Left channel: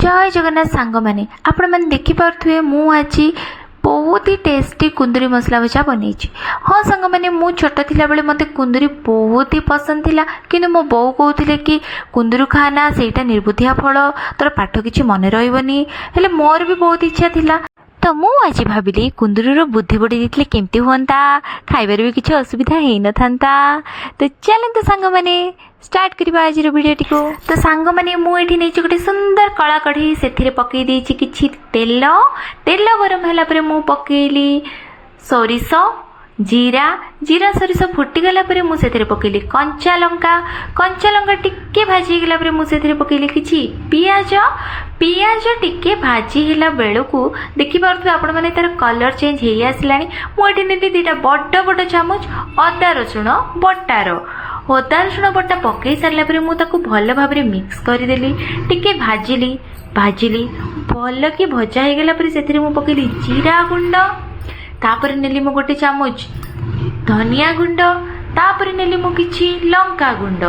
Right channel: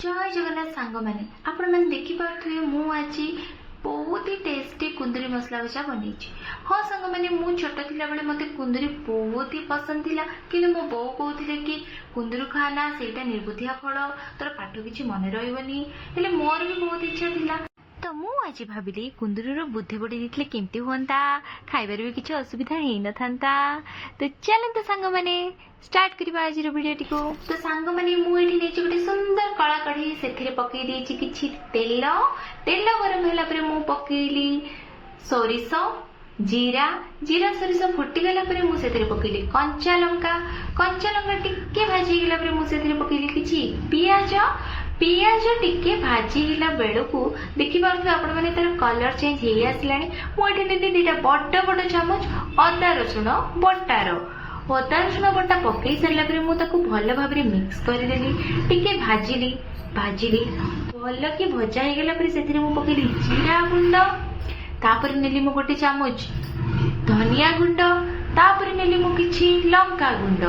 जय जगन्नाथ सांग मैंने आपण मैंने देखिपे मु आज बहुत ही टेस्टी कुंदरी मसला भजा बन। हाँ सांग मैंने मु छोट थिला बेले मते कुंदरी बहुत ही पसंद थिला किंतु मो बो कहते कि कुंदरू खाना सेटा निर्बुद्धिया फल तोर पाठ किछि मन रहबनी हेले मोर भी बहुत इच्छा थिला तो मु आज भाविली कुंदरूर बुद्धि बढ़ी देथिले केमती हुंता खाइबार भी किछि असुविधा हेई न थांता। तो चलंतु सांग माने स्टार्ट करबा आज वीडियो को। तो सांग माने मु एठी नै गोटे सुंदर कला कढ़ी सेथिरे पकई देछि किछि तेल गरम होला परे मु पकेली सोरिष जीरा जीरा सोरिष फुटीगला परे मु सेथिरे पकेली कंचा लंका टिके भाजी गला परे मु सेथिरे पकेली किछि पियाज टिके भाजी हिला बेलू देखि पारथु आपण माने तार कलर चेंज हेई आसलानी। मु एठी नेती दुटा बड़ चामच अदा रसुण बटा पकई सारला परे मु ताकू भल भाबरे मिक्स करदेली टिके भाजिली भल कि भजा हे गला परे सेथिरे मु पकेली जीरा गुंड तापर नेली मु गोटे चामच धनिया गुंड तापर नेली मु किछि लंका गुंड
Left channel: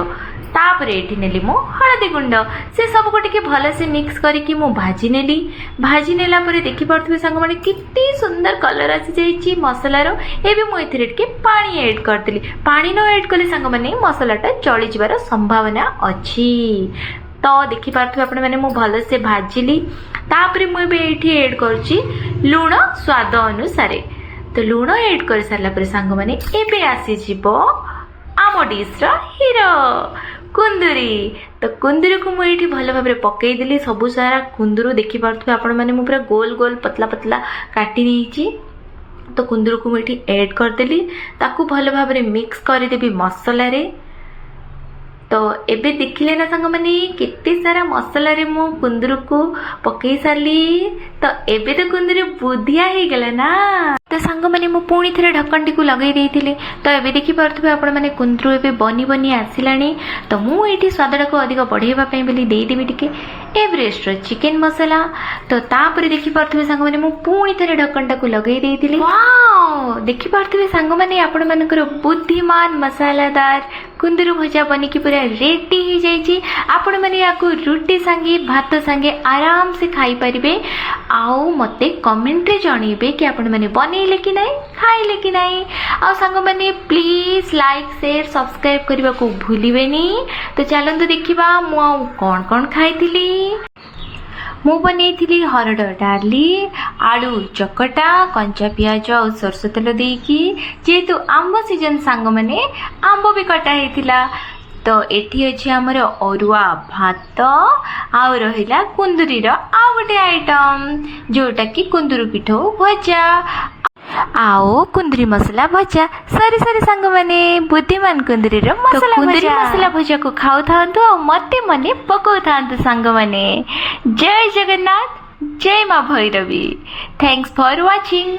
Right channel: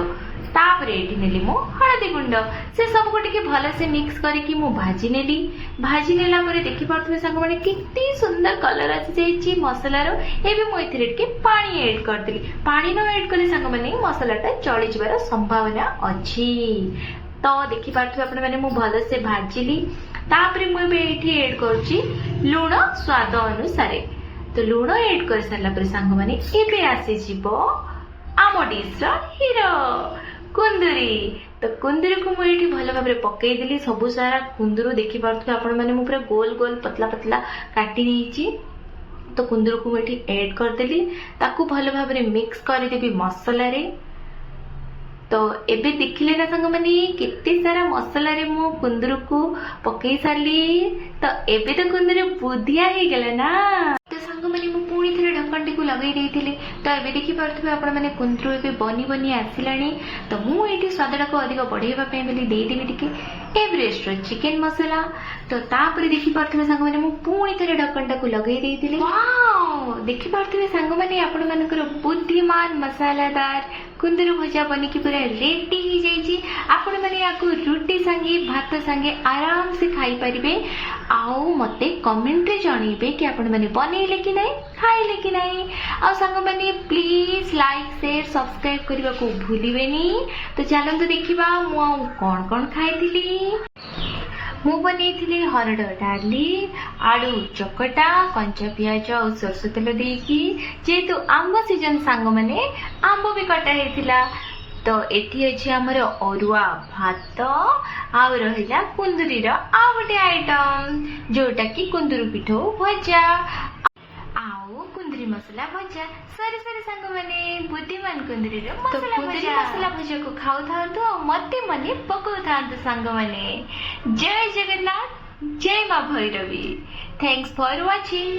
तापर एठी नेली मु हळदी गुंड से सब को टिके भल से मिक्स करके मु भाजी नेला परे देखि पारथुबे संग माने कितनी सुंदर कलर आसी जाईची मसला रो। एबे मु एथिरे टिके पानी ऐड करदेली पानी न ऐड कले संग माने मसलाटा जळि जिबार संभावना अछि। तो देखि पारथुबे आपण माने मु भल से भाजिली तापर मु एबे एठी ऐड करछि लूण स्वाद अनुसार। तो लूण ऐड कर सारला परे सांग माने एबे आसी जिवो आम डिश रो हीरो कुंदरी। तो कुंदरी को मुझे भल भाव में पकई देली सबु सारा कुंदरू देखि पारथुबे आपण माने मु पूरा गोल गोल पतला पतला काटी नेछि। तो कुंदरू को मुझे ऐड कर देली ताकू भल भाव में मिक्स कर देबी मसला रे। तो एबे देखिले ना संग माने केते सारा मसला रे मु कुंदरू को पकई सारली। तो एबे तो कुंदरू बुधिया हे गेला ना। तो सांग माने मु पुणी थरे ढक्कन टी को लगे देइथिले। तो एबे देखि पारथुबे आपण माने कुंदरू एबे बनी आसिलानी। तो मु एठी स्वादटा को अधिक बढ़ेबा पई बोली देई देबी टिके एवरेस्ट रो चिकन मसाला। तो तापर देखि पारथुबे सांग माने मु पुणी थरे ढक्कन टा को लगे देइथिले। वाओ देखि पारथुबे सांग माने आपण मानकर बुद्धिमान मसालादार कुंदरू भजा बनी की पूरा रेडी हो जाइए। आपण मैंने याकू रुटी सांगे भात सांगे आराम से खाई पारिबे। आउ मते कमेंट रे जणीबे कि आपण मैंने बनेइले कि नहीं खाइले कि नहीं। आ संग मैंने प्लीज लाइक शेयर सब्सक्राइब करबा को भूलिबेनी। तो चलंतु देखिबा मु आउ कोन कोन खाइथिली। मु बनेइथिली हरड़ डाली आलू चकटा कंचा पियाज और सरसो तेल देकी जेहेतु आंब सीजन सांग माने आंब भी कटा हेतिला। तो एठी अछि हमर अरुआ भात आउ रहिला कुंदरी रो आ गोटे आइटम जोटा कि कुंदरू पिठो भजा आओ कुंदरी मसला भजा सरी सांग माने बुद्धिमान कुंदरी रो मसला कुंदरी मसला भजा को खाउ थांतु और मते मने पकाउ थांतु सांग माने। जय जगन्नाथ जय मां भैरवी। Thanks for watching.